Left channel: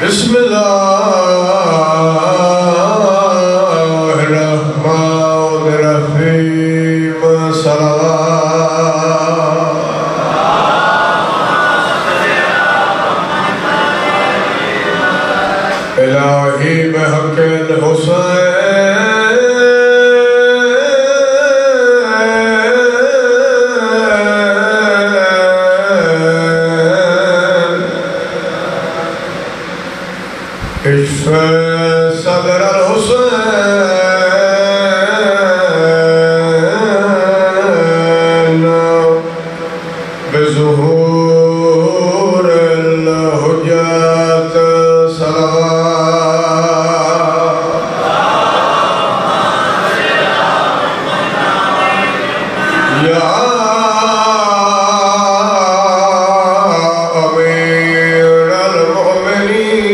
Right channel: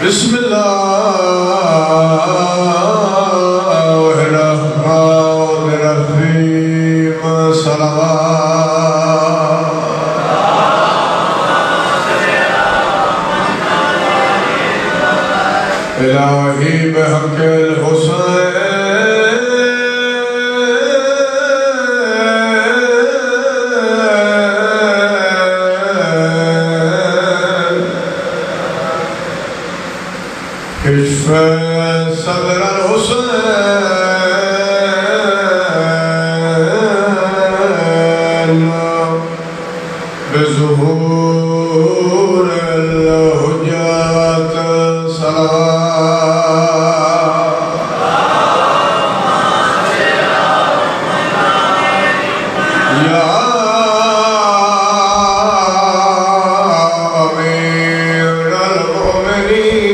بسم اللہ الرحمن الرحیم الہی بحق الحسین اشف صدر الحسین بظهور الحجات یا امیر المؤمنین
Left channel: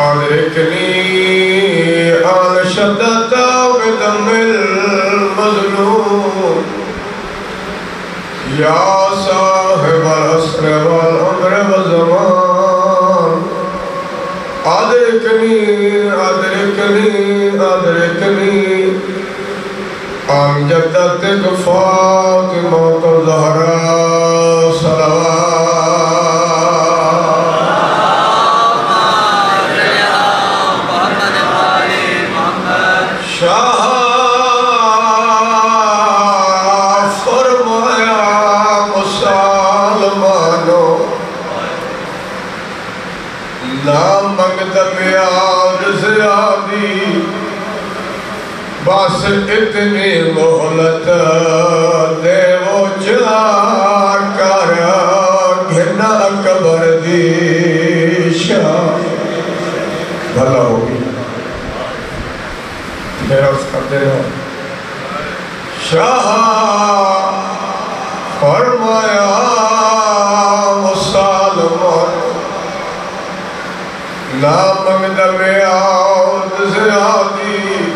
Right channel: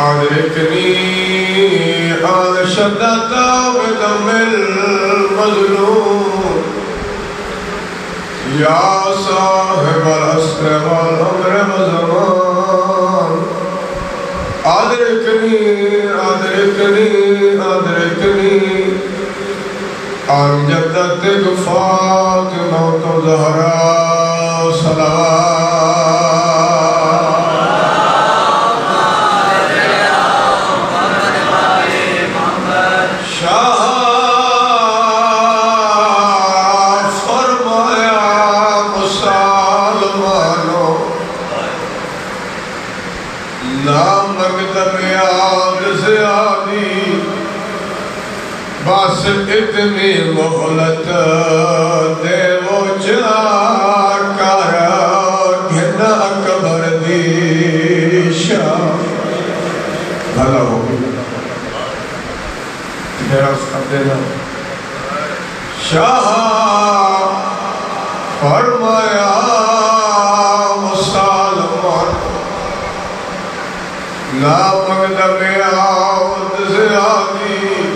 ادرکنی انشدت بدم المظلوم یا صاحب العصر والعمر والزمان ادرکنی عن جدتك فاطمة الزهراء شاہ فرمایا مسلمانوں نہ مقدم یاد زیادی بس اتنی مہلت دے وہ جا کر گھنا قبر دی شاہ بھلا ہوگی میرا اس کر دینا شاہ فرمایا مسلمان لا مقدم یاد زیادی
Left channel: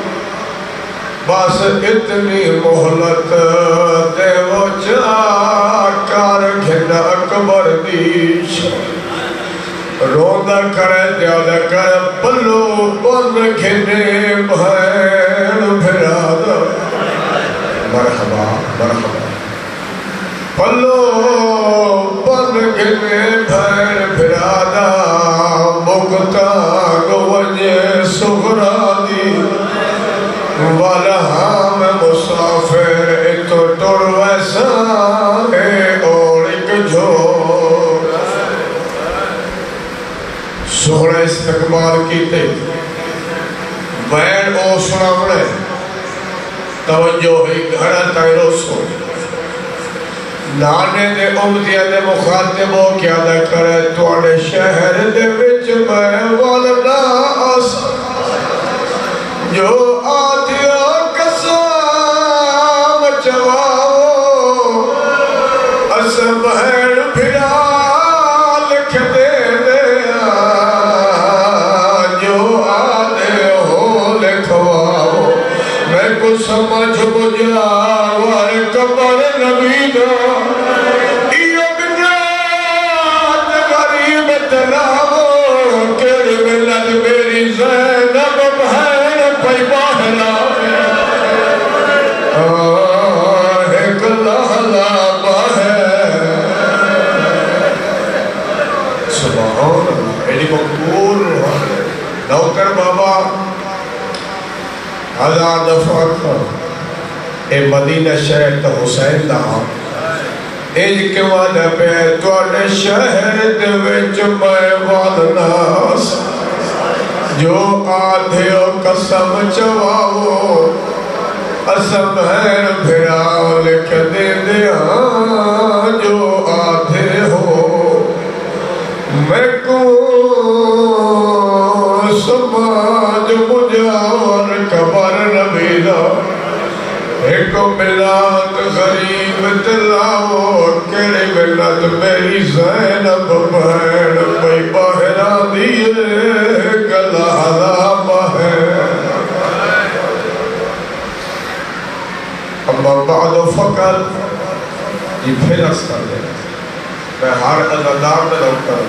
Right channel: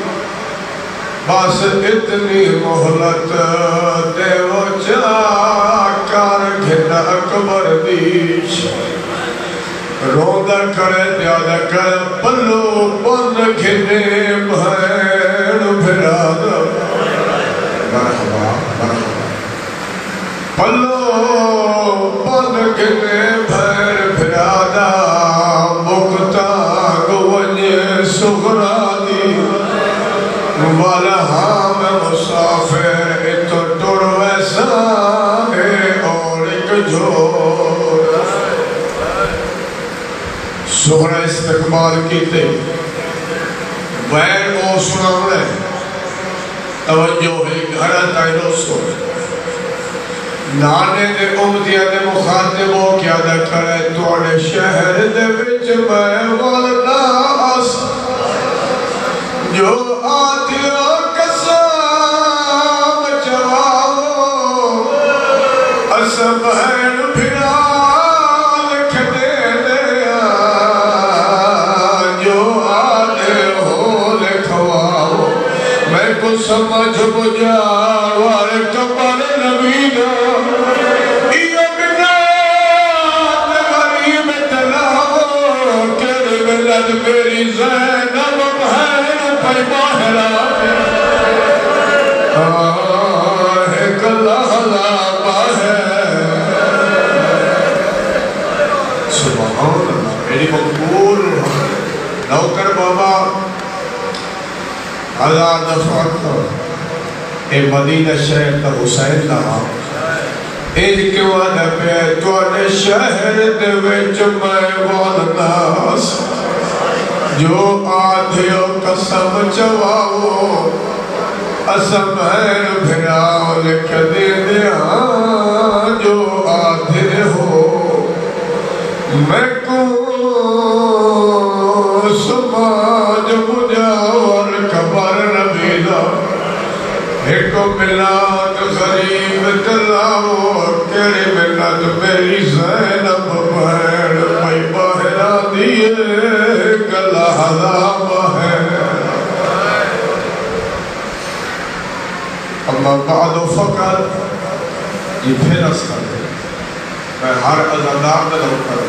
بس اتنی مہلت دے وہ جا کر گھنا قبر دی روندہ کرے دیادہ کرے پلو پن گھنے بھین بھرادہ مرحبا پلو پن گھنے بھین بھرادہ مکتا گونجے سغرادی والا ہم مسافر اتو ٹور ویسا ہے اور ایک جھوڑ سوڑا استقبال کیتے بین او سناونے توجہ ہے گھڑا تائرو سو نانے دے امدیہ دے مخاطب ہو کیا دا کرے توڑے شہر دے وچ میں والنا آس جو آدھیو قسم چواؤ اسم بہن پھرا لکھ دے دیا جو آدھے ہو لکھواؤ میں کو سمجھ بجا وار قبر نبی دو یہ بنات غریب تلاو کیڑی ملت میری زینب بہن پہ باہرہ ایک لہلا باہر سبحان اللہ میری مقبول نوکر بابا آزاد فاقہ اے مدینہ شہر تا حسین دا ایج کے وعدہ پہ توڑے شہر دے وچ میں والناس جو آدھیو قسم چواؤ اسم بہن بھراؤ لکھ دے دیا جو آدھے ہو میں کو سماج مجاور قبر نبیدہ ایک ملاد غریب دلاو کڑی ملت میری زینب بہن کوئی باہرہ دیئے گلہ حضا بہن اما بعد فقر یہ پھر اس کر دیں میں ہر عزادار نظر کروں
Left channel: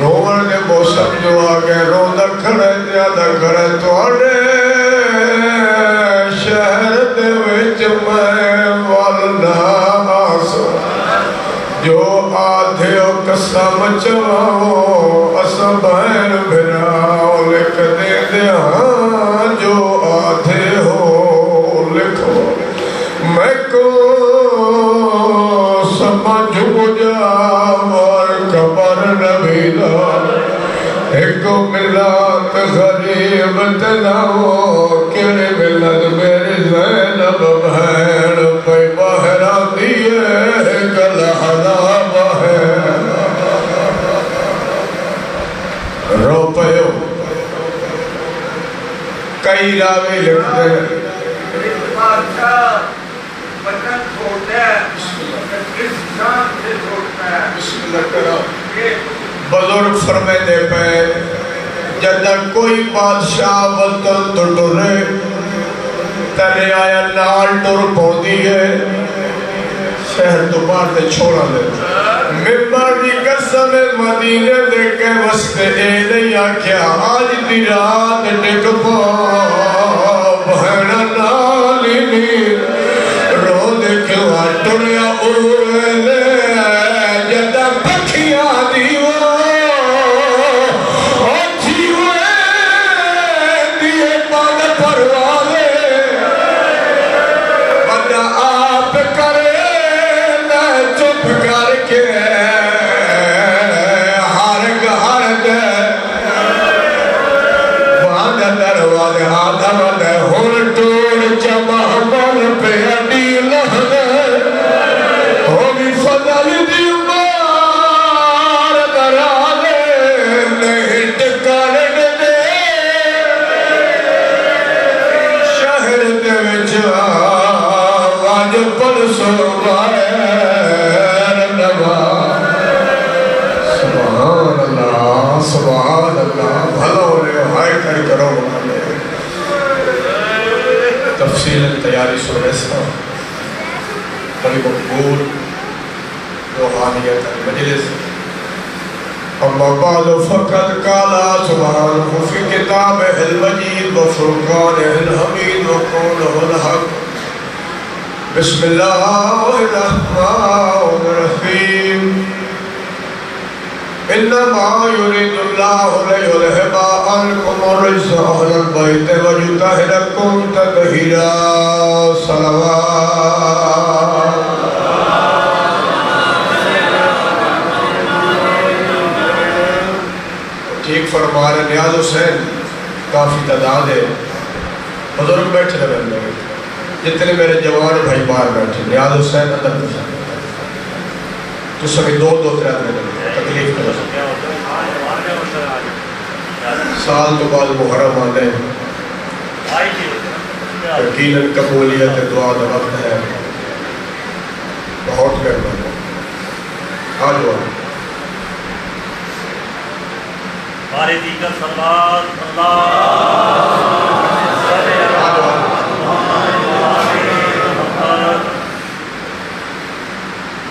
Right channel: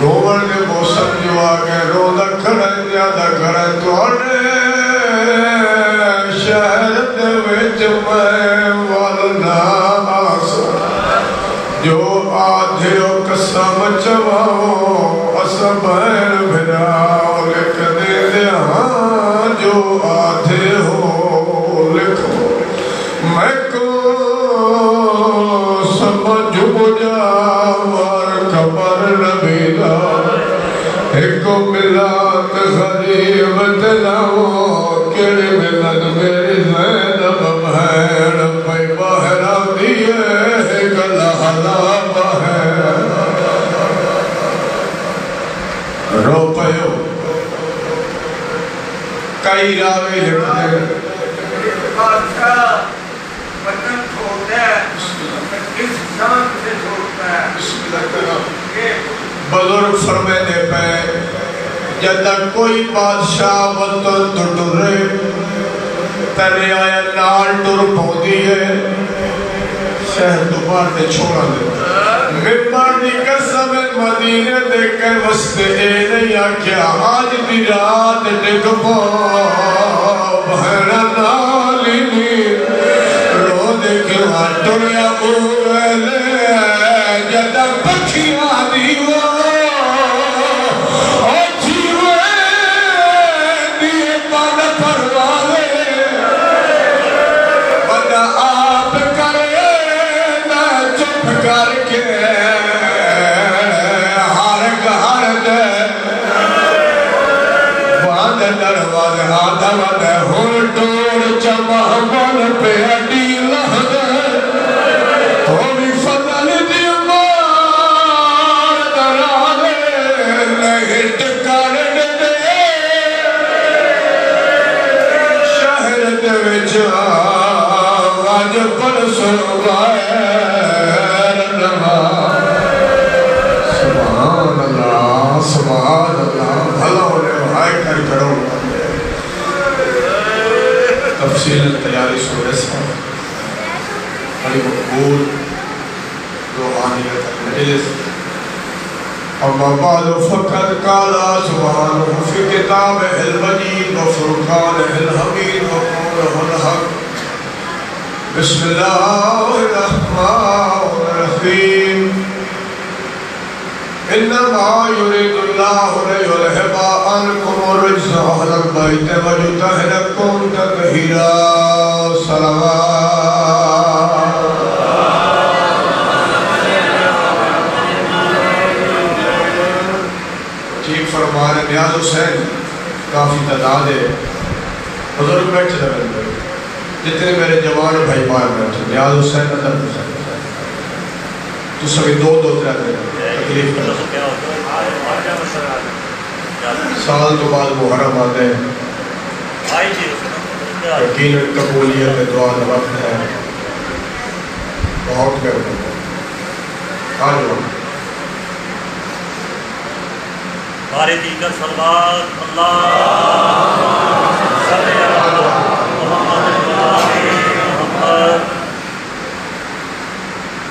رومن کے موسم جو آگے روزہ کھڑے زیادہ کھڑے توڑے شہر دے وچ میں والدہ آسا جو آدھے و قسم چواؤ اسا بہن بھراؤ لکھ دے دیا جو آدھے ہو لکھو میں کو سمجھ مجھا اور خبر نبی دا ایک ملات غریب تلاو کڑی ملت میری زینب بہن پہ بہرہ دیئے گلہنا بہن رو پیو کئی راوی لکھتے ہیں بزرگ فرمینے پہ جدہ کوئی بادشاہ وطن تو ڈرے ترے آیا نال ڈر پودی ہے شہر دوبار دے چھوڑا دے ممبر دی قسم مدینے دے کے وسط اے نہیں آکھیا آج دی رات ڈک پا بہنہ نالی نی رو دے کیوں ڈریا اوے جدہ پکھیا دیو تفصیل تیاری سورہ سا بڑی مقبول روحانیت مجلس اما بعد فقط قالا سبحانہ فی کتابہ المجید و فرقانہ الحمید و قولہ الحق بسم اللہ الرحمن الرحیم انما يريد الله ليذهب عنكم الرجس اهل البيت ويطهركم تطهيرا صلوات ٹھیک فرما رہے نیاز حسین کافی تعداد ہے بزرگ بیٹھے لگے جتنے میرے جوان بھائی باہر بیٹھے نیاز حسین اندر تک تو سبھی دو ترہ تکلیف کرو سال تو بعد محرم آتے ہیں یقیناً قبولیت دعا لگت ہے بہت گرد ہے آج جاؤ باری دیگر صلوات اللہ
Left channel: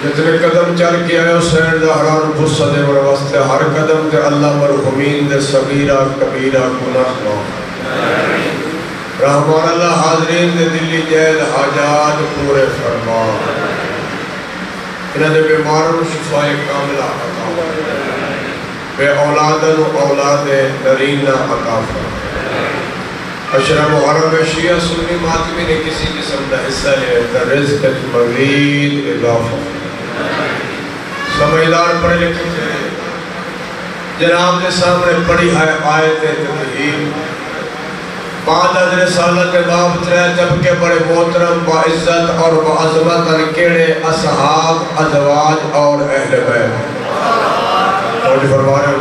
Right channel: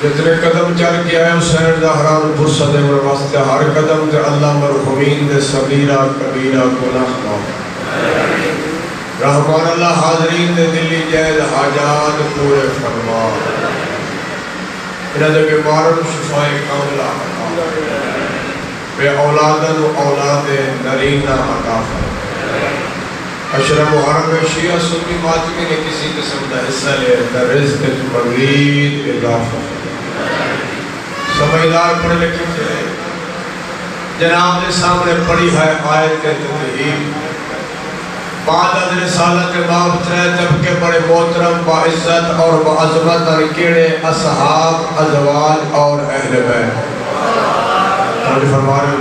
جتنے قدم چل کے آئے حسین زہران فرصت اور واسطے ہر قدم تے اللہ مرحومین دے صغیرہ کبیرہ گناہ خلاف رحمان اللہ حاضرین دے دلی جائد حاجات پورے فرما انہاں دے بیماروں شفاء کاملہ عطا بے اولادن و اولاد نرینہ عطا اشرف محرم شیعہ سنی ماتمی نے کسی قسم دا حصہ لے رزق مغید اضافہ سمجھدار پڑھے لکھے تھے جناب نے سامنے پڑھی ہے آیت تطہیر بعد از رسالت امام ترے جب کے بڑے محترم باعزت اور بعظمت انکیڑے اصحاب ازواج اور اہل بیت اور فرما رہے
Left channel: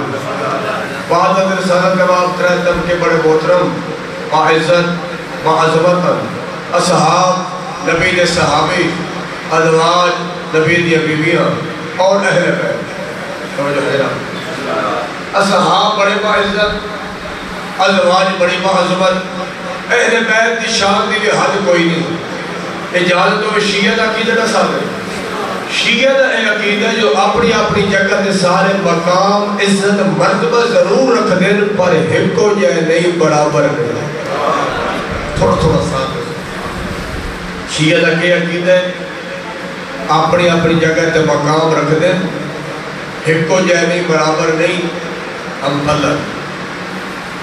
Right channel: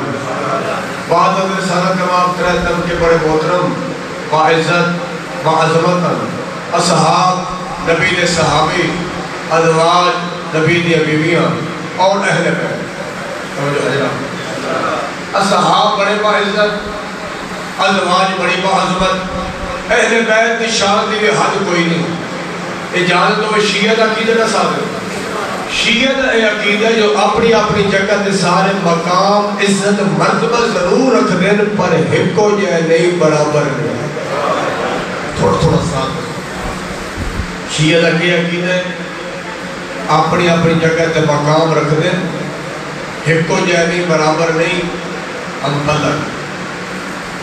بعد از رسالت امام ترے جب کے بڑے محترم باعزت بعظمت اصحاب نبی دے صحابی ازواج نبی دی بیویاں اور اہل بیت توجہ حضرات اصحاب بڑے باعزت ازواج بڑی بعظمت اہل بیت دی شان دی حد کوئی نہیں اجازت و شیعہ دا کی جگہ ساتھ ہے شیعہ کا یہ عقیدہ جو اپنی اپنی جگہ دے سارے مقام عزت مرتبہ ضرور رکھ دیں پر ایک کو جائے نہیں برابر نہیں. تھوڑا ساتھ شیعہ کا یہ عقیدہ ہے اپنی اپنی جگہ تے مقام رکھ دیں ایک کو جائے نہیں برابر نہیں. ہم مطلب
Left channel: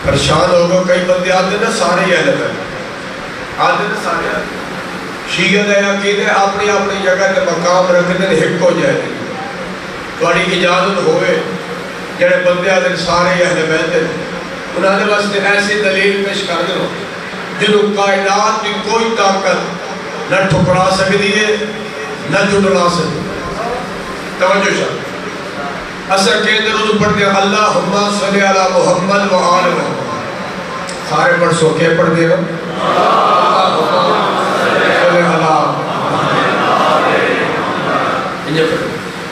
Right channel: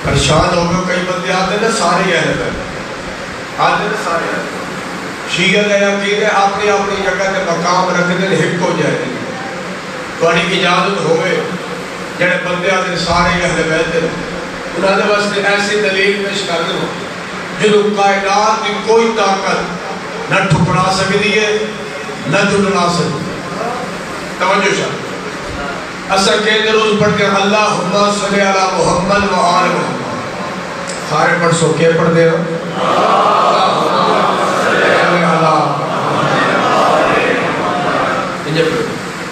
پریشان ہو گئے کئی بندے آتے نا سارے اہل بیت آتے نا سارے اہل شیعہ کا عقیدہ اپنی اپنی جگہ تے مقام رکھ دیں ایک ہو جائے تھوڑی اجازت ہوئے جڑے بندے آتے سارے اہل بیت انہوں نے واسطے ایسی دلیل پیش کر دیں جنہوں کائنات کی کوئی طاقت نہ ٹھکرا سکتی ہے نہ جھٹلا سکتی. توجہ شاہ اصل کے درود پڑھتے ہیں اللہم صلی علی محمد و آل محمد. سارے پڑھ سو کے پڑھ دے ہو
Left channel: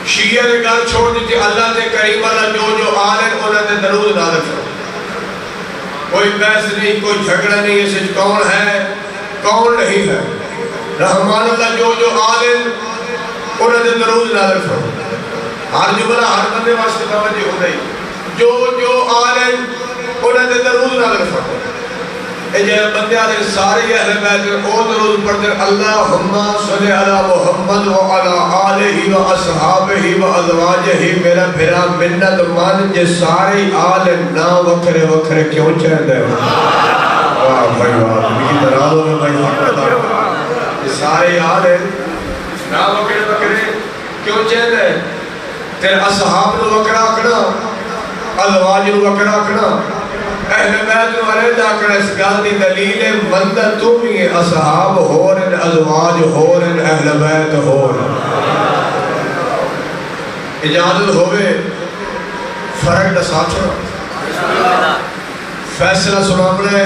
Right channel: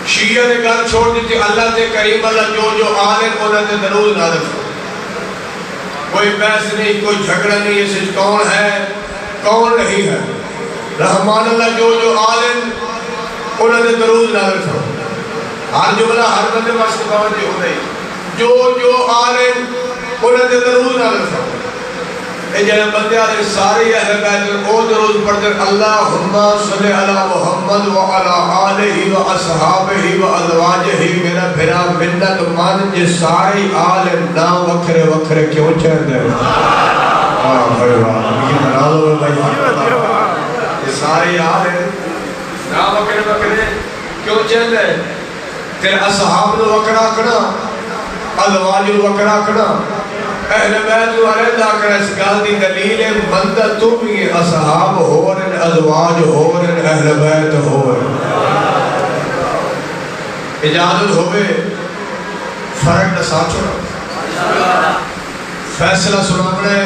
شیعہ نے گل چھوڑ دی کہ اللہ تے کریم اللہ جو آلے انہوں نے درود نازل کرو. کوئی بحث نہیں کوئی جھگڑا نہیں اسے کون ہے کون نہیں ہے. رحمان اللہ جو آلے انہوں نے درود نازل کرو. ہر جملہ ہر بندے واسطے باوجہ ہو نہیں جو آلے انہوں نے درود نازل کرو. اے جنہیں بندے آلے سارے اہل بیت او درود پڑھتے اللہم صلی علی محمد و علی آلہ و اصحابہ و ازواجہ. میرا پھرا منت مان جے سارے آل نا وکھرے وکھرے کیوں چاہتے ہیں. واہ بھائی واہ میری درازوں میں بھائی یہ سارے آل نا وکھرے وکھرے کیوں چاہتے ہیں. تیرے اصحاب نو وکھرا آکھنا ازواج نو وکھرا آکھنا اہل بیت ورد آکھنا اس گل دی دلیل بندہ تم ہی اصحاب ہورن ازواج ہورن اہل بیت ہورن. اجازت ہوئے فرق ساتھ چھوڑا فیصلہ سنامنے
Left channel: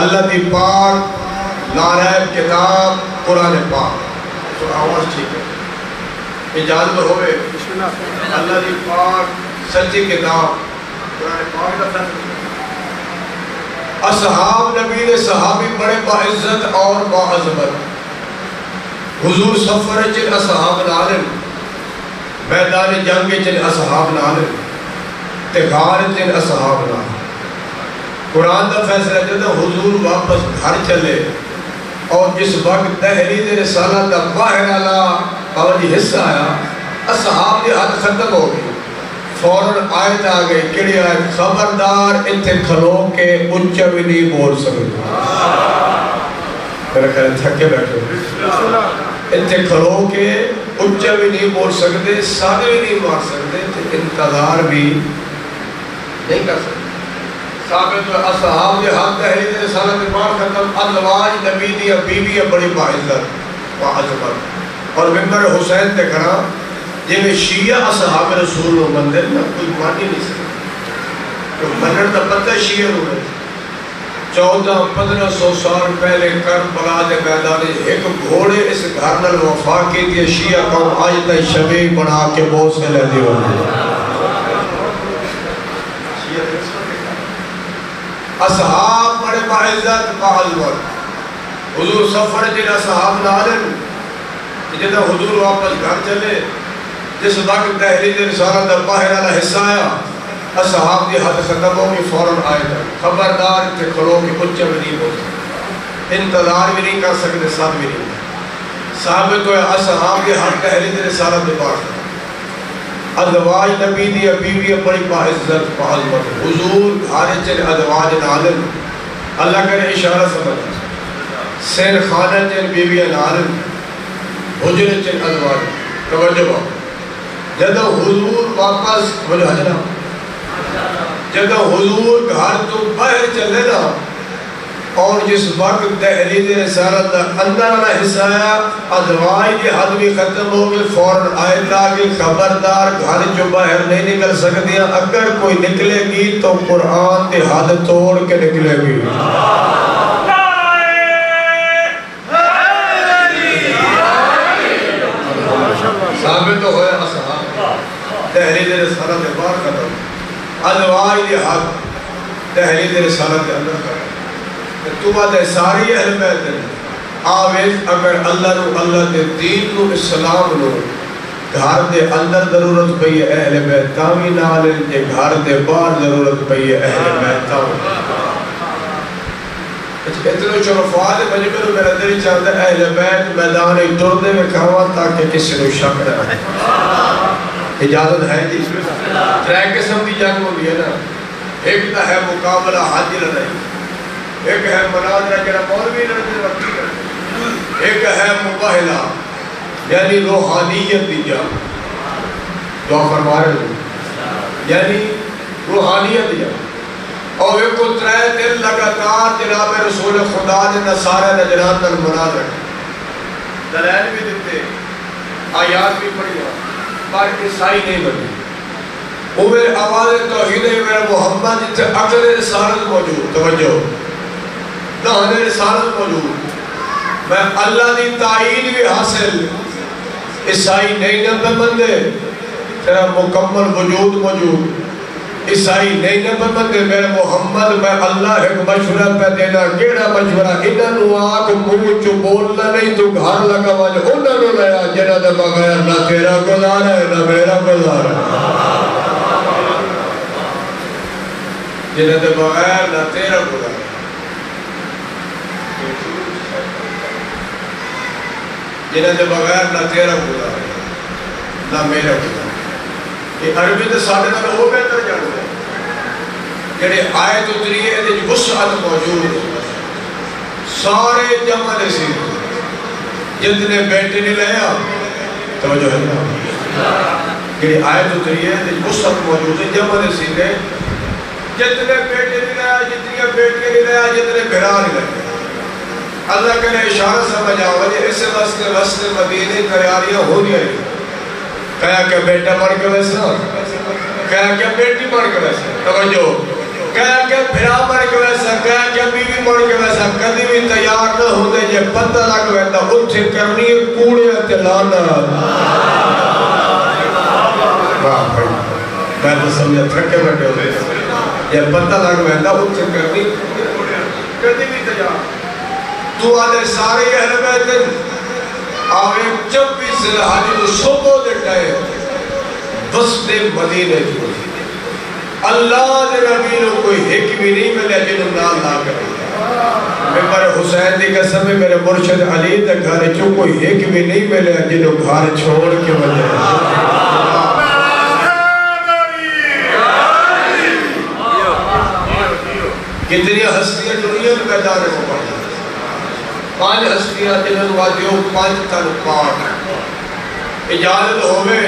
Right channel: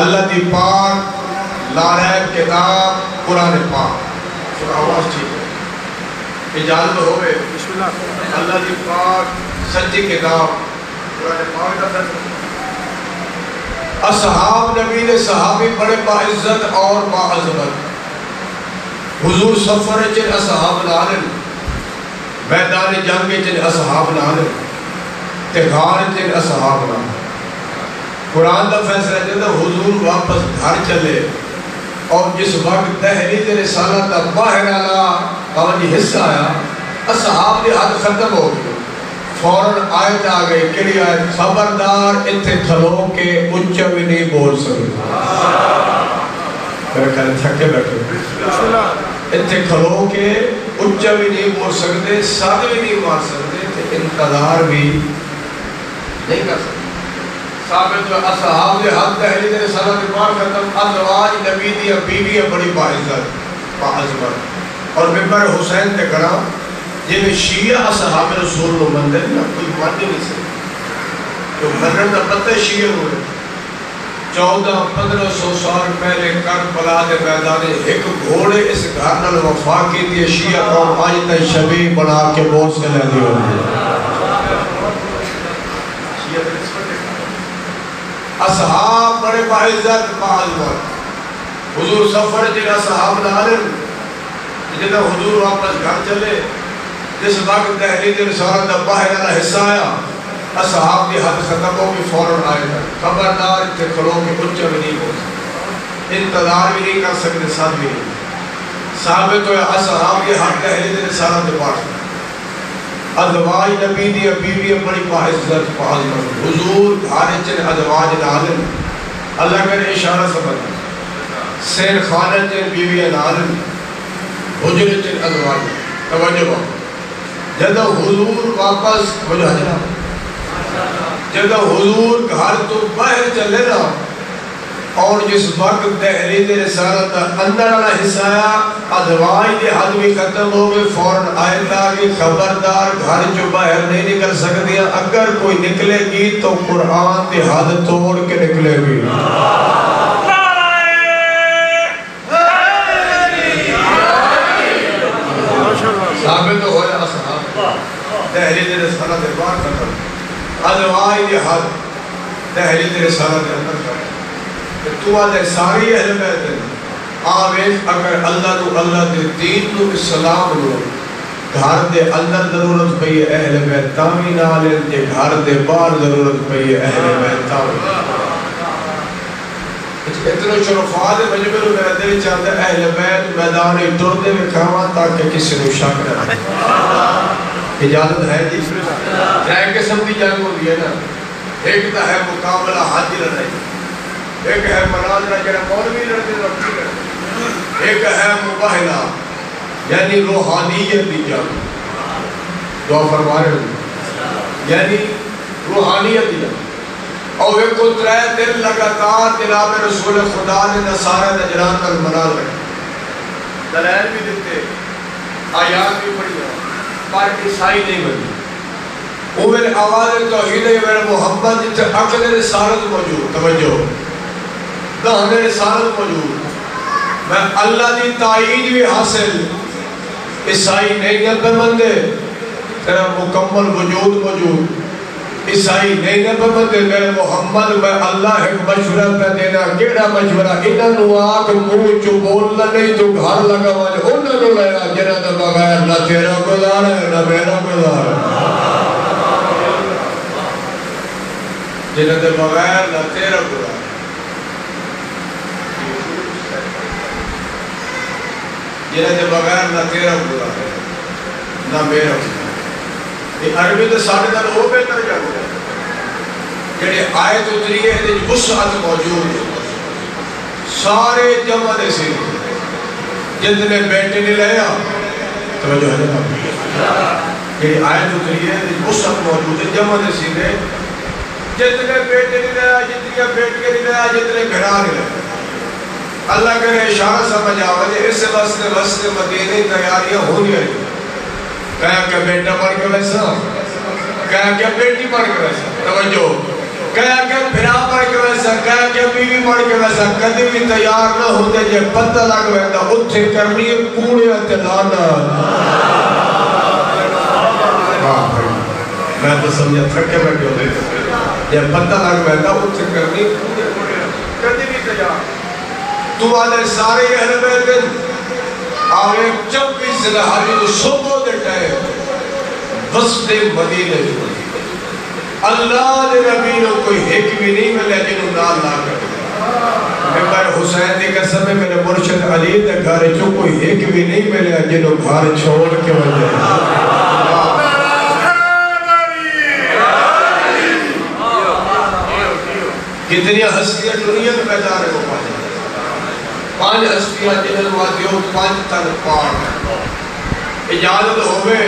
اللہ دی پاک لارائب کتاب قرآن پاک آواز ٹھیک ہے. اجازت ہوئے اللہ دی پاک سچی کتاب قرآن پاک دا فیصلہ. اصحاب نبی دے صحابی بڑے باعزت اور باعظمت. حضور سفر چن اصحاب نالم میدان جنگ چن اصحاب نالم تغار چن اصحاب نالم. قرآن دا فیصلہ دیتا حضور واپس گھر چلے اور جس وقت تحریر رسالت دا باہر اللہ اور یہ حصہ آیا اصحاب دی حد ختم ہو گئی. فوراً آیت آ گئی کڑی آیت خبردار اتھے کھلو کے اچھا بھی نہیں بول سکتے. میرا کہنا تھکے بیٹھو اتھے کھلو کے اچھا بھی نہیں بول سکتے سارے بھی نہیں مار سکتے انتظار بھی نہیں کر سکتے. ثابت اصحاب دے حق تحریر رسالت بار ختم ازواج نبی دی بیوی بڑی باعزت باعظمت. اور ممبر حسین تے کھڑا یہ شیعہ اصحاب رسول و مندر میں کوئی مان ہی نہیں سکتا. تو منر دا پتہ شیعہ ہوئے 1400-1500 سال پہلے کربلا دے میدان ایک گھوڑے اس گھر نال وفا کی دی شیعہ قوم آج تک شبیہ بنا کے بہت سے لے دی ہوئے. اصحاب بڑے باعزت باعظمت. حضور سفر جنہ صحاب نالم جنہ حضور واپس گھر چلے جس وقت تحریر رسالت دا باہر والا حصہ آیا اصحاب کی حد ختم ہوگی فوراً آئے تھا خبردار کے کھڑوں کی اچھا بھی نہیں ہو سکتے انتظار بھی نہیں کر سکتے ساتھ بھی نہیں. ثابت ہوئے اصحاب کی حد تحریر رسالت دے باہر ازواج نبی دی بیوی بڑی باعزت باعظمت. حضور حارج چن ازواج نالم اللہ کرے اشارہ سمجھ سیل خانہ چن بیوی نالم حجر چن ازواج. توجہ با جدہ حضور واپس ملحجنا جدہ حضور گھر تو باہر چلے نا اور جس وقت تحریر رسالت اندر نہ حصہ آیا ازواج کی حد بھی ختم ہو گئے فوراً آیت آگے خبردار گھر جو باہر نہیں نکل سکتی اگر کوئی نکلے گی تو قرآن کی حد توڑ کے نکلے گی. ثابت ہویا اصحاب تحریر رسالت بار ختم ازواج کی حد تحریر رسالت اندر ختم. تو آدھے ساری اہل بیت آویز اگر اللہ نو اللہ دے دین نو اسلام نو گھر دے اندر ضرورت پئی ہے اہل بیت تاوی نال تے گھر دے باہر ضرورت پئی ہے اہل بیت تاوی اتنے شرفات مجمع میرا دل چاہتا ہے اہل بیت میدان ٹردے میں کھاواں تاکہ کسی نے شک نہ رہے اجازت ہے جی ترے قسم کی جنگ ہوئی ہے نا ایک تو ہے مقابلہ حج لڑائی ایک ہے مناظرہ جڑا مولوی لڑتے وقتی لڑتے ایک ہے مباہلہ یعنی روحانیت دی جنگ دعا فرما رہے ہیں یعنی روحانیت دی جنگ اور ایک کو ترے دن لگاتار جناب رسول خدا نے نصارہ نجران پر مناظرہ دلائل بھی دیتے آیات بھی پڑھی پر عیسائی نہیں بنی وہ میرے آواز توحید ہے میرا محمد جتے عقل رسالت موجود توجہ دہن رسالت موجود میں اللہ دی تائید بھی حاصل عیسائی نہیں نبی مندے تیرا مکمل وجود موجود عیسائی نہیں نبی مندے میرے محمد میں اللہ ایک مشورہ پہ دینا کیڑا مشورہ انہاں نو آگ منہ چو بولنا نہیں تو گھر لگا والے انہاں نو لیا جنہ دے بغیر نہ تیرا گزارا ہے نہ میرا گزارا ہے جنہ دے بغیر نہ تیرا گزارا جنہ دے بغیر نہ تیرا گزارا ہے نہ میرا گزارا یہ عربی تو ساڑھے نال وہ بہتر جانو ہے جڑے آیت اتری ہے یہ وسعت موجود ہے سارے جمع دے سی جتنے بیٹے نے لیا توجہ ہے نا یہ آیت اتری ہے یہ وسعت موجود ہے جمع دے سی جتنے بیٹے نے لیا جتنی بیٹیاں نے لیا جتنے گھرا نے لیا اللہ کے اشارہ سمجھ آوے اس واسطے رستے مدینے تیاریاں ہو گئی کہا کہ بیٹا مر کے ویسا کہا کہ بیٹی مر کے ویسا توجہ کہا کہ بھرا مر کے ویسا کہا کہ بیوی مر کے ویسا کدی بھی تیار نہ ہوتے جب پتہ لگ ویسا اتھے کرنی کوڑیا تلانا واہ بھائی میں تو سمجھا تھکے بیٹھے ہوئے جب پتہ لگ ویسا اتھے کرنی کدی بھی تیار تو آنے سارے اہل بیت آگے جب بھی صلحاتی تو صبح دیتا ہے وسط مدینہ جو اللہ نے نبی نے کوئی ایک بھی نہیں ملے جنہوں نام نہ کرے میرے حسین دی قسم ہے میرے مرشد علی دے گھر جو کوئی ایک بھی نہیں ملے جنہوں گھر چھوڑ کے وجہ کتنی ہستیاں دنیا میں پیدا رہے ہو پانچ ہستیاں جنہوں وادیوں پانچ تن پاٹ اجازت ہوئے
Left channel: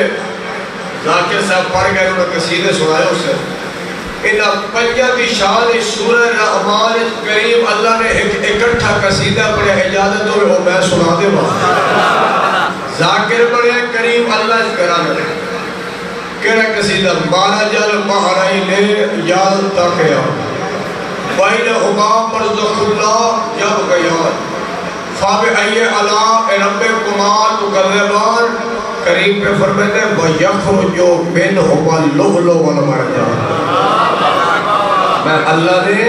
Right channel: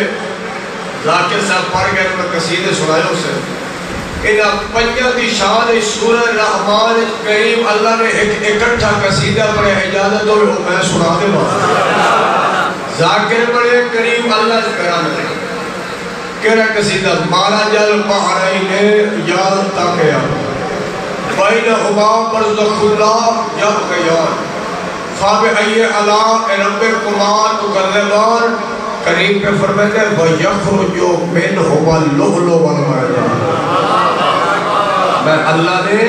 ذاکر صاحب پڑھ گئے میں قصیدے سنائے اسے انہاں پنجہ دی شان سورہ رحمان کریم اللہ نے ایک اکٹھا قصیدہ پڑھے اجازت ہوئے وہ میں سنا دے بات ذاکر پڑھے کریم اللہ اس کرانے کہنا قصیدہ مارا جل بحرین یاد تاکیا بین حباب برزخ اللہ جب گیار فاب ای علا رب کمال مقربان کریم پہ فرماتے ہیں وَيَخْرُجُ مِنْهُمَ اللُّؤْلُؤُ وَالْمَرْجَانُ میں اللہ نے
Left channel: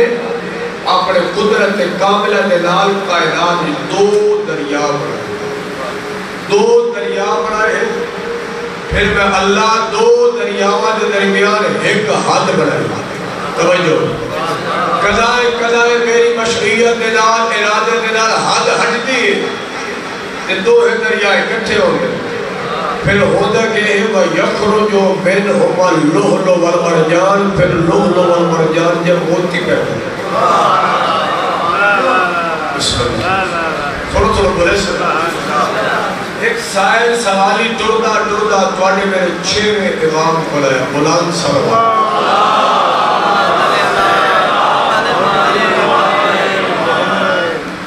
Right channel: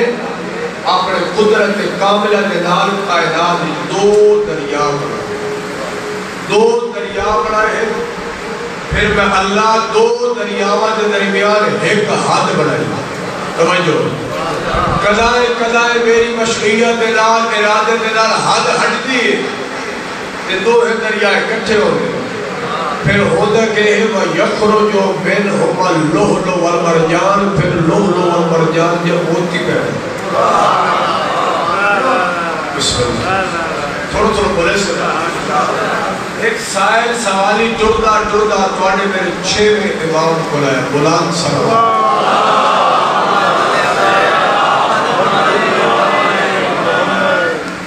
اپنے قدرت کاملہ کے نال کائنات میں دو دریا بنائے پھر میں اللہ دو دریاواں کے درمیان ایک حد بنائی توجہ قضائے میری مشیت کے نال ارادے کے نال حد ہٹتی ہے دو دریا اکٹھے ہو گئے پھر ہوتا کہ وَيَخْرُجُ مِنْهُمَ اللُّؤْلُؤُ وَالْمَرْجَانُ پھر لؤلؤ والمرجان جب ہوتی پہنے تھوڑا بولے سے ایک سائل سوالی ٹردہ توڑے میرے 6ویں امام بلائے بلند سوال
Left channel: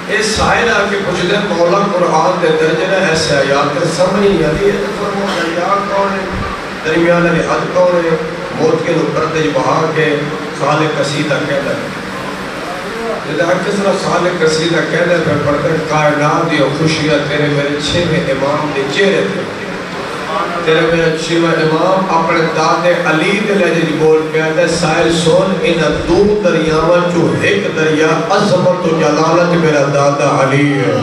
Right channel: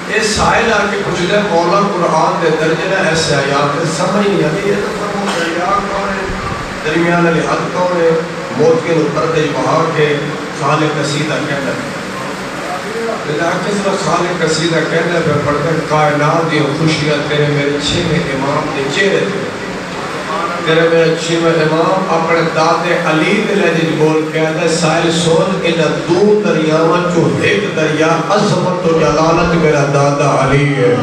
یہ سائل آکے پوچھ دے مولا قرآن دے درجہ ایسے آیات سمجھ نہیں آتی ہے دریا کون ہے درمیان علی حد کون ہے موت کے پردے بہا کے خالق قصیدہ کہنا ہے کس طرح خالق قصیدہ کہنا ہے پڑھتے کائنات دی خوشیاں تیرے میرے 6ویں امام دے چہرے تھے میرا چھویں امام اپنے دادے علی دے لہجے بول کے آتا ہے سائل سوچ ان دو دریاواں چو ایک دریا عظمت و جلالت میرا دادا علی ہے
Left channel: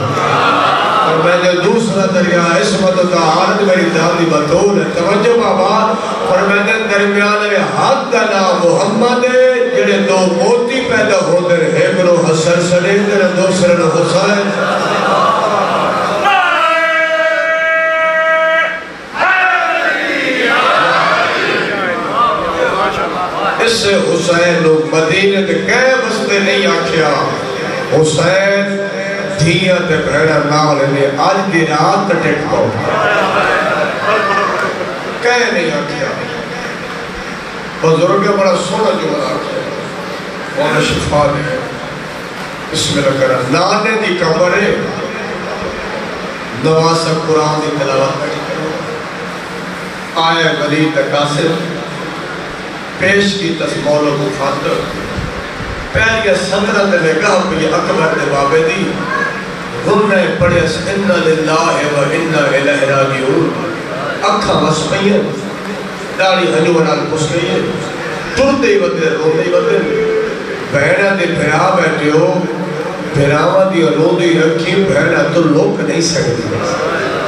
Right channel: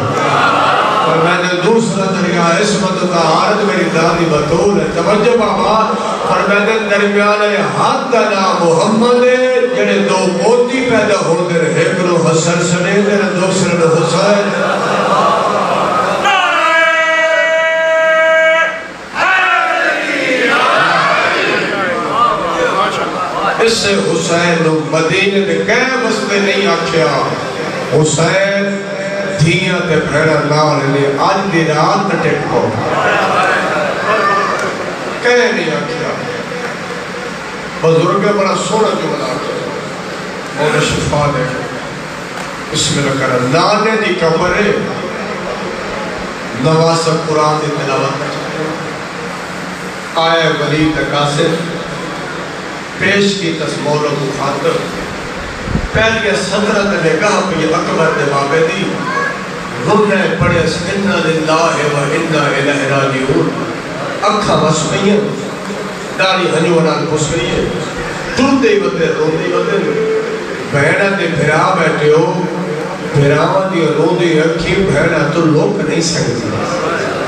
اور میں نے دوسرا دریا عصمت و طہارت میری دادی بطول ہے توجہ بابا اور میں نے درمیان حق کا نام محمد ہے جنہیں دو موتی پیدا ہو دے ایک نو حسن سنے دے دوسرے نو حسین اس سے حسین مدینہ کے کہیں بستے نہیں آکھیا حسین دھیاں تے بھیڑا نال نے آج دی رات ٹک پاؤ کہیں نہیں آکھیا بزرگ بڑا سونا جو بڑا آکھیا مولا شفا دے بسم اللہ کرا نانے دی کمرے نماز قرآن دی تلاوت آئے ولی تقاصر پیش کی تصمول و مخاطر پہلے صدرت نگاہ بھی اکبر دے بابے دی غمنے پڑے انا للہ و انا الہ راجعون اکھا مسمین داڑی ہنوانال پسلین ٹوٹے ہی بدے روندے ہی بدے بہنہ دے بھرا بیٹھے ہو بھراوہ دی رو دی رکھی بہنہ تو لوگ نہیں سکتی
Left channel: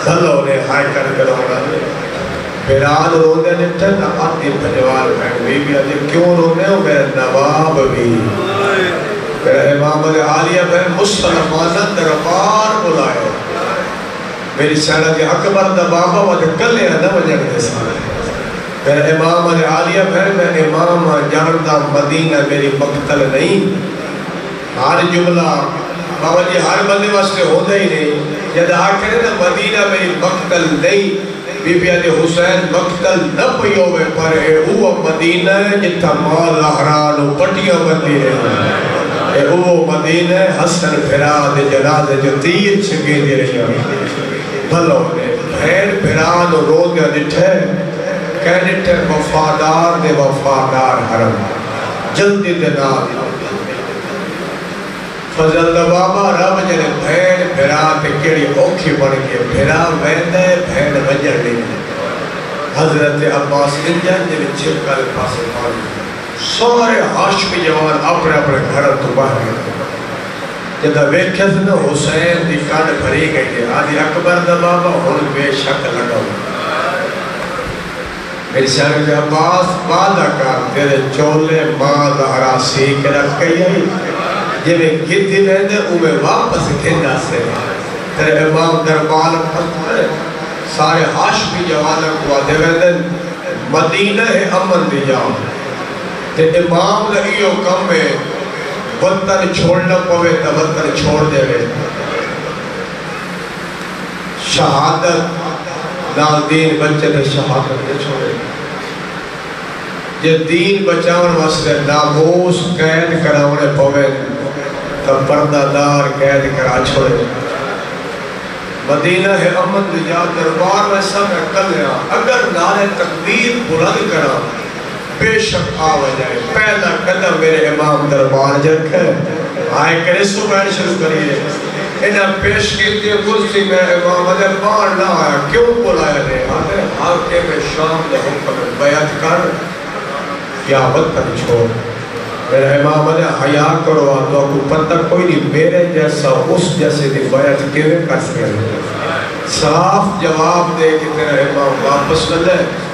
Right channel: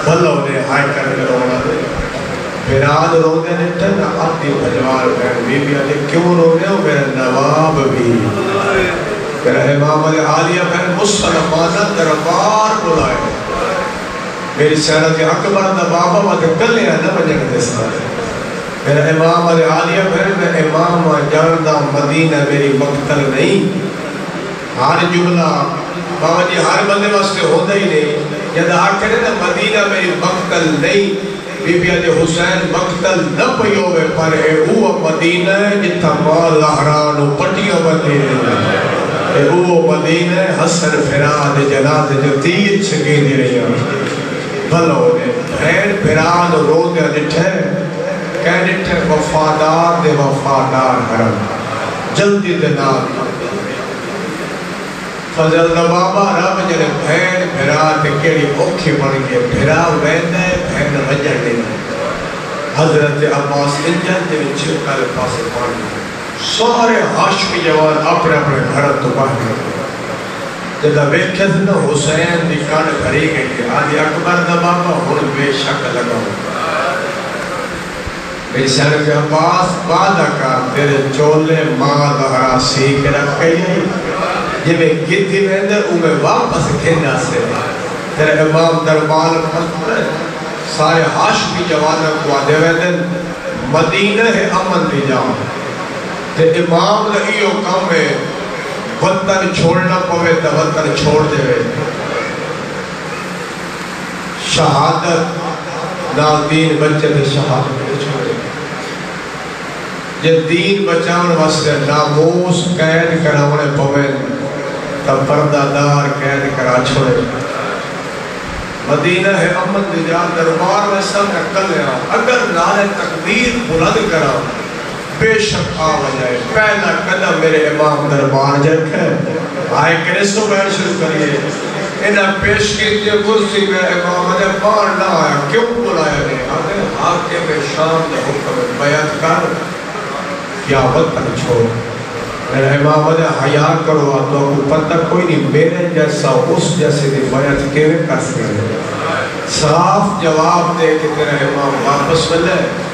اللہ انہیں ہائے کر کے رونا دے بیراد رونے نے تن اپنی بھجوار بہن بی بی آدھے کیوں رونے ہو میرے نواب بھی میرے امام عالیہ بہن مسلمانہ دربار بلائے میری سیرت اکبر دا بابا مجھے کلے نہ بجھے دے سارے میرے امام عالیہ بہن میں امام جاندہ مدینہ میری مقتل نہیں ہر جملہ بابا جی ہر بندے واسطے ہوتا ہی نہیں جب آخر ہے مدینہ میری مقتل نہیں بی بی علی حسین مقتل نہ پیو میں پر وہ مدینہ جتا مال احران و پٹیاں بندی رہی وہ مدینہ حسن فراد جلاد جو تیر چھگے دی رہی بھلو نے بھین بھران رو دیا ڈٹھے کہہ ڈٹھے وفادار دے وفادار حرم جلدی دے نام فضل بابا رب جنے بھین بھرا تے کیڑی اوکھی بن گئے بھرا ویندہ ہے بھین وجہ نہیں حضرت عباس انجن جنے چھپکا لے پاسے پانی سارے ہاشمی جوان اپنے اپنے گھر تو باہر گئے جدہ بیکھے سے نا حسین دی کان بھری گئی تھی آدھی اکبر دا بابا ہون بے شک لگا ہوا میری سہر کے عباس مادہ کام تیرے چولے مادہ راسی کے رکھے یہی یہ میں گیتی ویندے اوہ واپس کھینا سے تیرے امام دربار پتر سارے ہاشمی جوانہ کو آدھے ویندے مدینہ ہے امن دی جاؤ تے امام لئیو کم ہے وطن چھوڑنا پوے تا وطن چھوڑ دے وے شہادت نال دین بچے تے شہادت دے چھوڑے جے دین بچاؤن واسطے ناموس قید کراؤنے پوے تب پردہ دار قید کرا چھوڑے مدینہ ہے امن رجال دربار میں سب میں کل ہے اگر نعرہ تکبیر بلند کرا بے شک آوہ جائے پہلا قدم میرے امام دربار جرک ہے آئے کرسو بیٹھ شروع کریے انہاں پیش کیتے کرسی میں امام نے بار نہ آیا کیوں بلایا نے آتے حاکم شام دا حکم بیعت کر یا وطن چھوڑ میرے امام نے حیاء کرو تو کو پتہ کوئی نہیں میرے جیسا اس جیسے دی بیعت کیویں کر سکے صاف جواب دے کہ تیرا امام واپس نہ جائے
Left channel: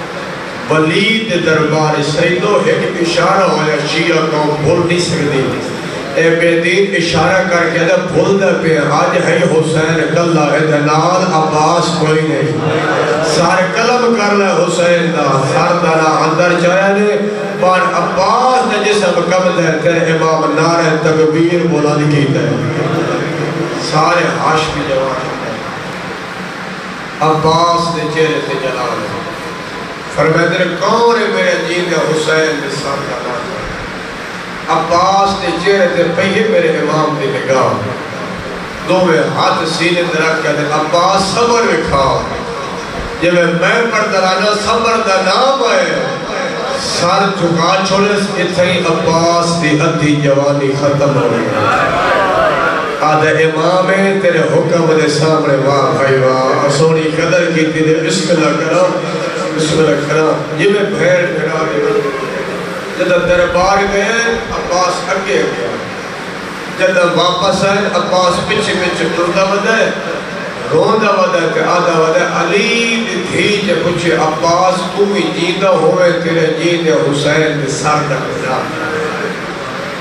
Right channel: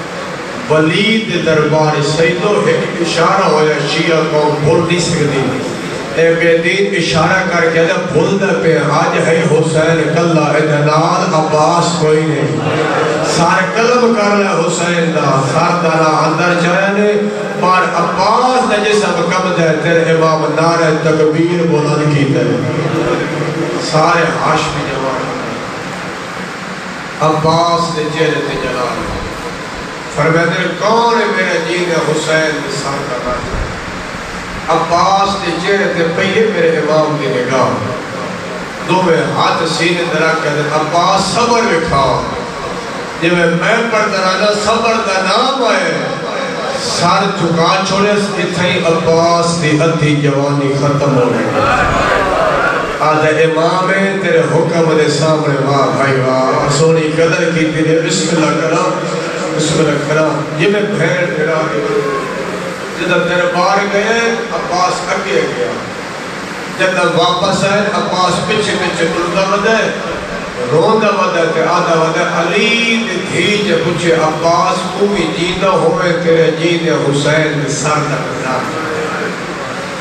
ولید دربار سیدو ایک اشارہ ہویا شیعہ کو بھول نہیں سکتی اے بے دین اشارہ کر کے دا بھول دا پہ آج ہے حسین کلہ ادنال عباس کوئی نہیں سار قلم کر لے حسین دا سار دارا اندر چاہنے پر عباس دا جسم کم دے تیرے امام نعرہ تکبیر بلند کی دے سارے ہاشمی جوان عباس نے چہرے تے جلال ہے فرمیدر کون ہے میرے جین حسین میں سر کا نام عباس نے چہرے تے پہیے میرے امام دی نگاہ دو میں ہاتھ سینے درک کہتے عباس صبر رکھا یہ میں پر درانا صبر دا نام آئے سر چکا چھوڑے اتنی عباس دی ادھی جوانی ختم ہو گئی آج امام ہے تیرے حکم دے سامنے واہ بھائی واہ سونی قدر کی تیرے بسم اللہ کرو سکتا کرا یہ میں بھیڑ پھرا گیا جدہ دربار گئے عباس اگے گیا جدہ واپس آئے عباس پچھے پچھے تردہ بدے روندہ بدے تے آدھا بدے علی دھی جے پچھے عباس کوئی جیدہ ہوئے تیرے جیدہ حسین سر دکھنا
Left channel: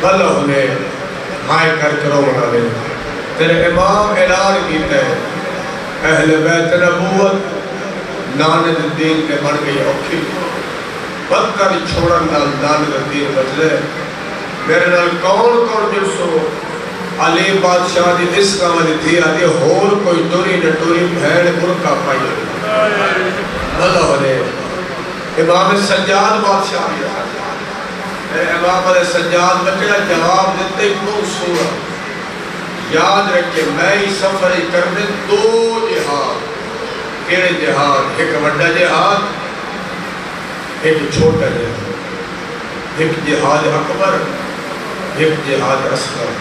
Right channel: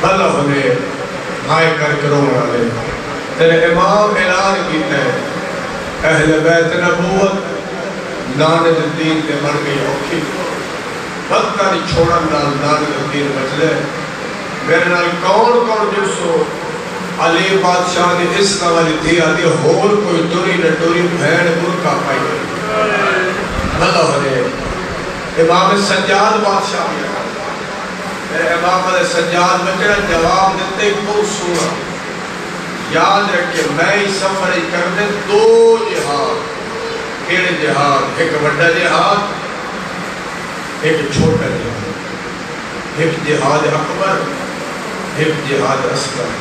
بھلا ہونے ہائے کر کرو مرالے تیرے امام اعلان کیتے ہیں اہل بیت نبوت ناند الدین پہ مر گئی اوکھی بدتر چھوڑن نال ناند الدین بچ لے میرے نال کون جسو علی بادشاہ دی اس کا والی تھی آدھی ہور کوئی دوری نٹوری بھیڑ برکا پائی اللہ ہو رہے امام سجاد بادشاہ بھی رکھا میرے امام علیہ سجاد بچڑا جواب دیتے کو سورا یاد رکھے میں ہی سفر ہی کرنے دو جہاد کیڑے جہاد ایک بڑا جہاد ایک چھوٹا جہاد ایک جہاد اکبر ایک جہاد اصغر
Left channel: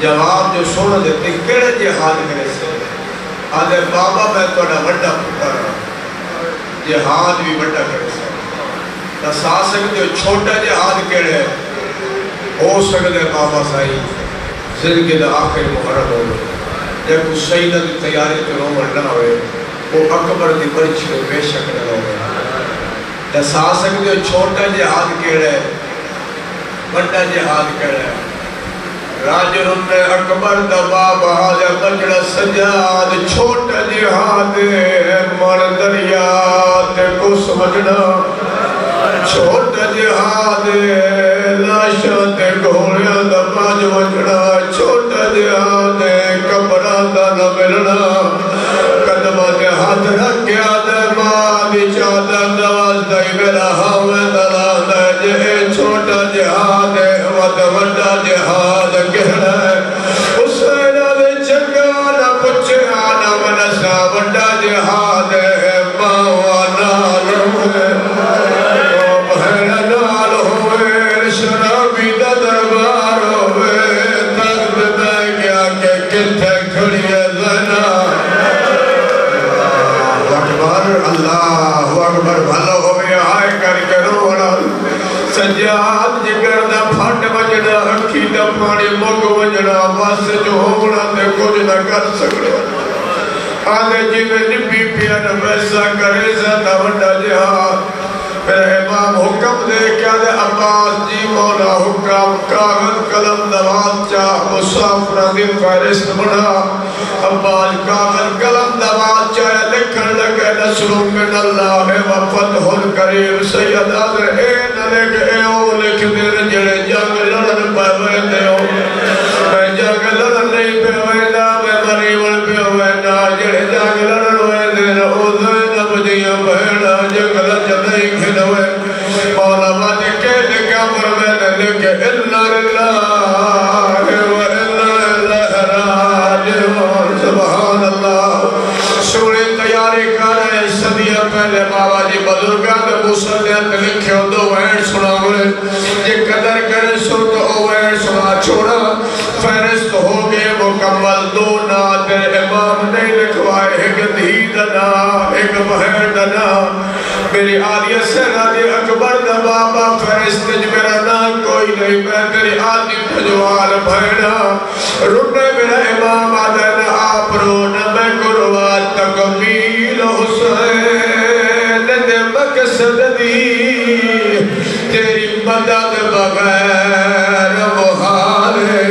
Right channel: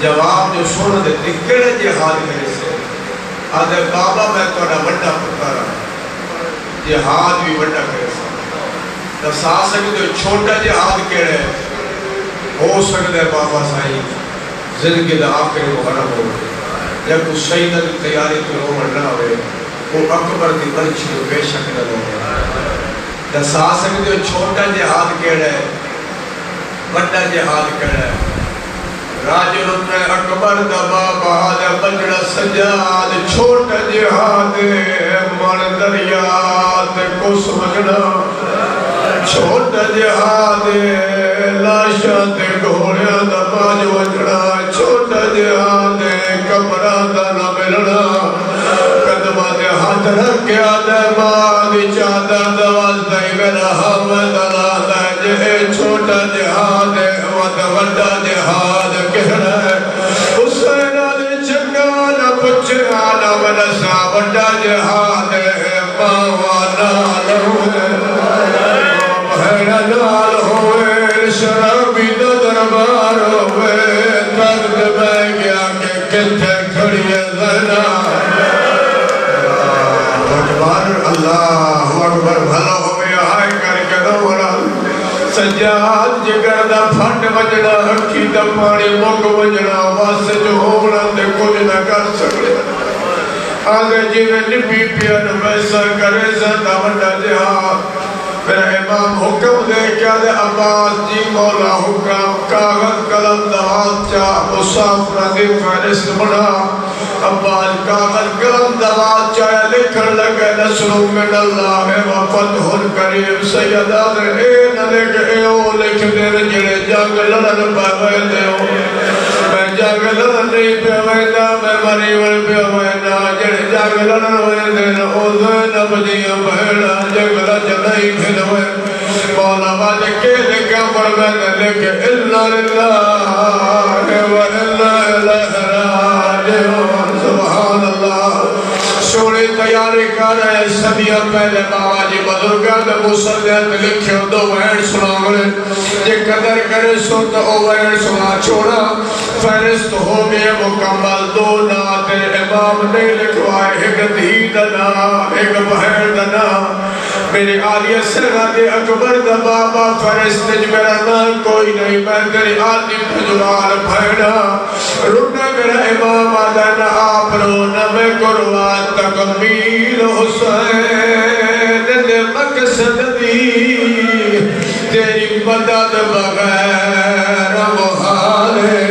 جواب جو سونا دیتے کیڑے جہاد میرے سے آدھے بابا میں توڑا بڑا پکارا جہاد بھی بڑا کرے سا سا سکتے چھوٹا جہاد کیڑے ہو سکتے بابا سائی زندگی دا آخری محرم ہو جب کو سیدہ دی تیاری پر عمر نہ ہوئے وہ اکبر دی برچ کے بے شک نہ ہوئے دسا سکتے ہو چھوٹا جہاد کیڑا ہے بڑا جہاد کیڑا ہے راجل نے اکبر دبا بہادر بجڑا سجاد چھوٹا جہاد مر دریات کو سمجھنا چھوٹا جہاد لاشت گھوڑیا دبا جو وجڑا چھوٹا جہاد کبران دا نہ ملنا قدمہ دے ہاتھ رکھیا دے مالی چادر دواز دے میرا ہمیں دلال ہے جہے چھوٹا جہاد ود وڈا جہاد کہنا ہے حسینہ میں چکانا پچھانا میں نشا وڈا جہاد ہے ماوانا لہوے بہن نال ہوئے شرابی دا دربار ہوئے تخت میں گیا کہ کتھے کھڑی ہے زینا اللہ اکبر بھلا ہوئے آئے کر کے روڑا سجاد جگر دا پھٹ وجڑا اکھی دا پانی مک وجڑا بس جو ہوگڑا تے کچھ نہ کر سکے آگے جی میں نبی پیا نہ ویسا کرے زندہ وڈا جہاد میرا امام حکم دے کیا دے عباس جی مولا حکم کاغذ قلم دوات چاہ مسافرہ دی فہرست بنا عباس کاغذ قلم دوات چاہ لکھن لگے نصر من اللہ و فتح القریب سیدہ دے اے نلے کے اے او لکھ دے جڑے جنگ لڑن پہ ویدے ہو میں جنگ لڑن نہیں پہ ویدہ میں مریون پہ ویدہ جڑے جنگ لڑن ویدے او زینب جیاں بہنا جنگ لجنائی کھلوے مولا باتے کہہ لکھا فرمائے لکھے اللہ للہ و اللہ راجعون سبحان اللہ سوڑی تیاری کرنا ہے صدیہ پہلے بابا جی بزرگاں میں مسلیت لکھے ہو دو وین سنا گئے یہ قدر کرے سن تو او وین سنا چھوڑا فہرست ہو گئے مکمل دو ناتے امام نے لکھوائے ایک دھی دنا ایک بہن دنا میری آلیہ سینا دے اکبر دا بابا فہرست میرا نام کوئی نہیں میں تیری آدھی بھجوال بھیڑا ربے میرا امام آدھنا آپ رونا میں قروات تکمیل حسین دے مقصد دی تیری مدد بغیر محال ہے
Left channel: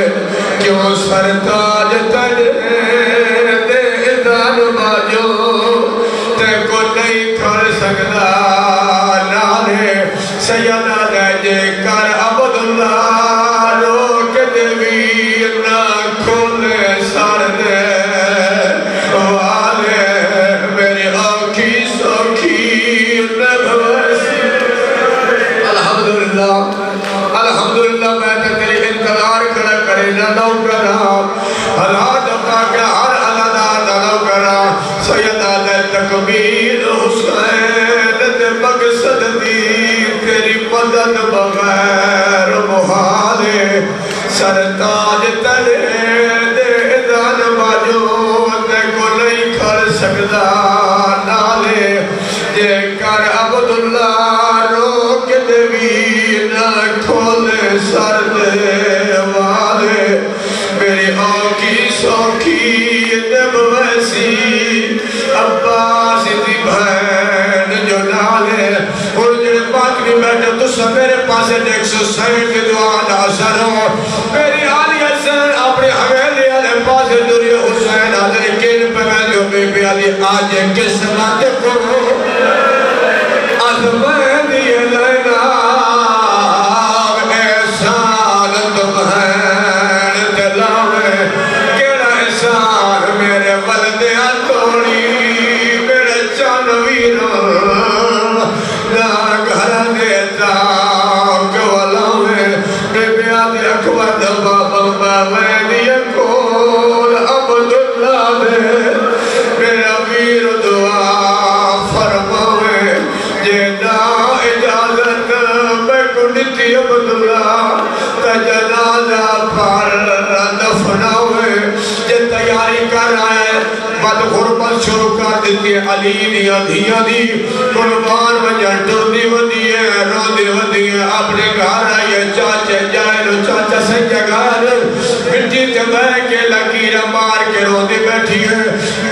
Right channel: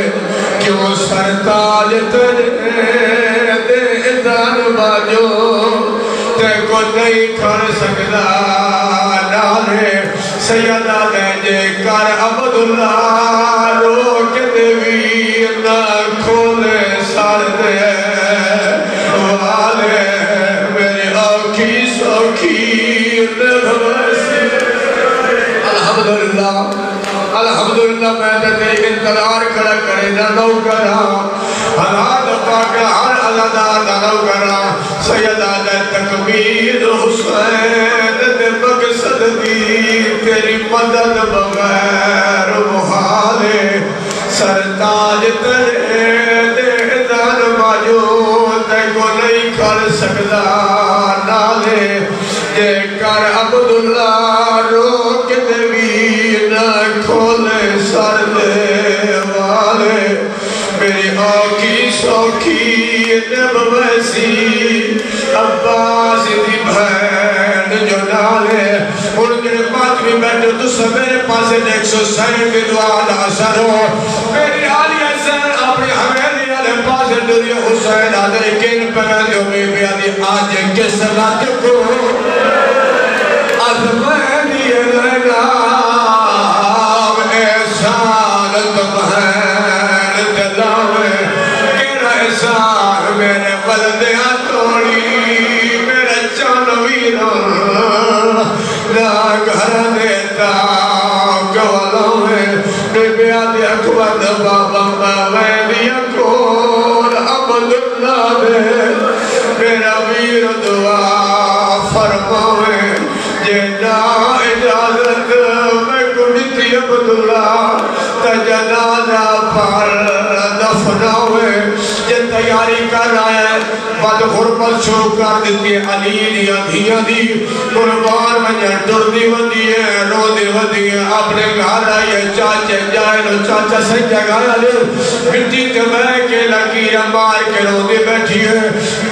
کیوں سرتاج تجھے دے ادھر باجو تے کو نہیں کھڑ سکتا نارے سیدہ دے جے کر عبداللہ روک دیوی نہ کھولے سار دے والے میرے آنکھی سوکھی الحمدللہ الحمدللہ میں تے تیری انتظار کھڑا کرے نہ نو کرا حالات پاک ہر علادہ نو کرا سیدہ دے تکبیر حسین دے مقصد دی تیری مدد بغیر محال سرتاج تلے دے دان باجو تے کو نہیں کر سکتا نالے جے کر عبد ہے اور جڑے باقی بیٹھے تو سب میرے پاسے دیکھ سو سید دعا دا اثر ہو میری آلی حسین اپنے حویلی والے پاسے دوری حسین حضر کین پہ میں لو بے بے آلی آج کس رات کو ازمین یہ لینا احسان تمہیں دلاوے کیڑا احسان میرے بلدیاں توڑی میرے چانویروں نا گھر دیتا کولوے بے بے آلی اکبر بابا بابا دیا کول عبداللہ دے میرا ویر دعا فرماوے جینا اجازت میں کنیتی عبداللہ تجنازہ پر دفناوے جے تیاری کر آئے بد غربت شروع کر دیتی ہے علی دیا دیا دی قربان مجھر تو دیو دیئے رو دیو دیئے اپنے گھر آئیے چاچے جائے لو چاچا سے جگہ لو مٹی تمہیں کے لکیرہ مار کے رو دی بیٹھی ہے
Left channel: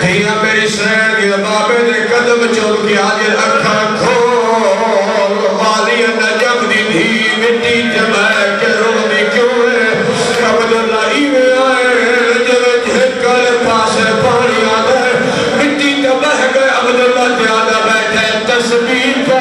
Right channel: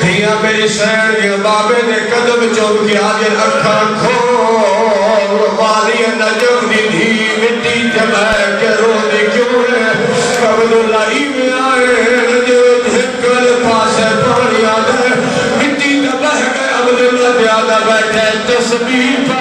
دیا میری سین یہ بابے نے قدم چود کی آگے اکھا کھول والی نجم دی دھی مٹی تمہیں کے رو دی کیوں ہے عبداللہ ہی میں آئے جو جھکل پاسے پانی آدھے مٹی تمہیں گئے عبداللہ دیادہ بیٹھے تسبیح پا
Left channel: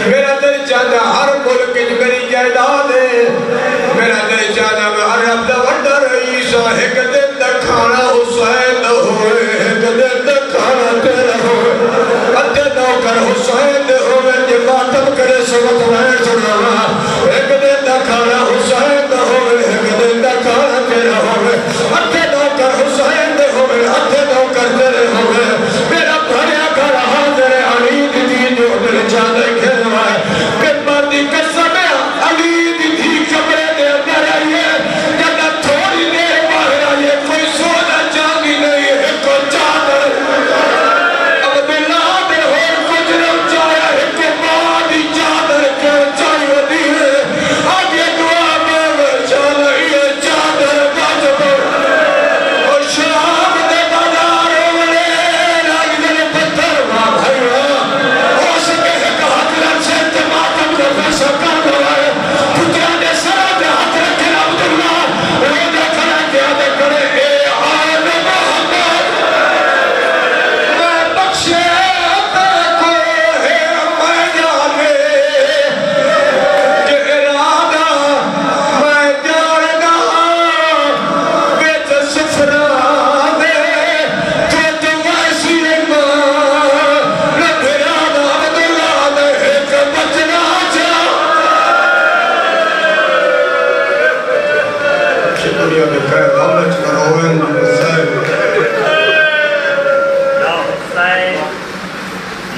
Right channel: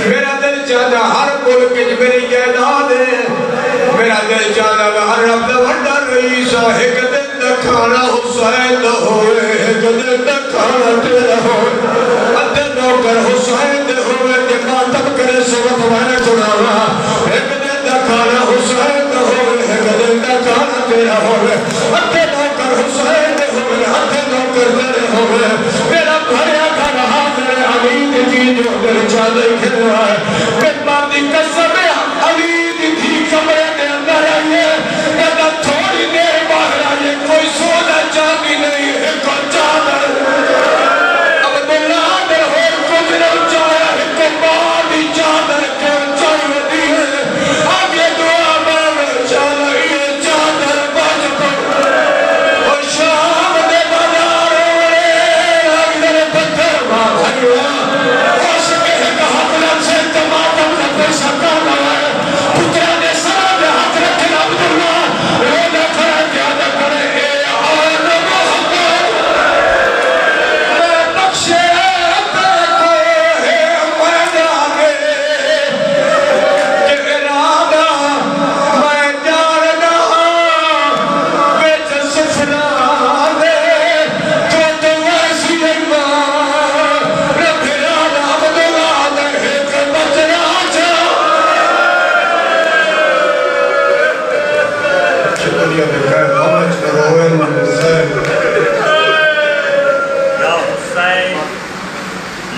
میرا دل چاہتا ہر ملک میری جائیداد ہے میرا دل چاہتا میں ہر اپنا وڈر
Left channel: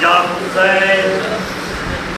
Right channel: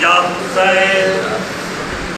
یا حسین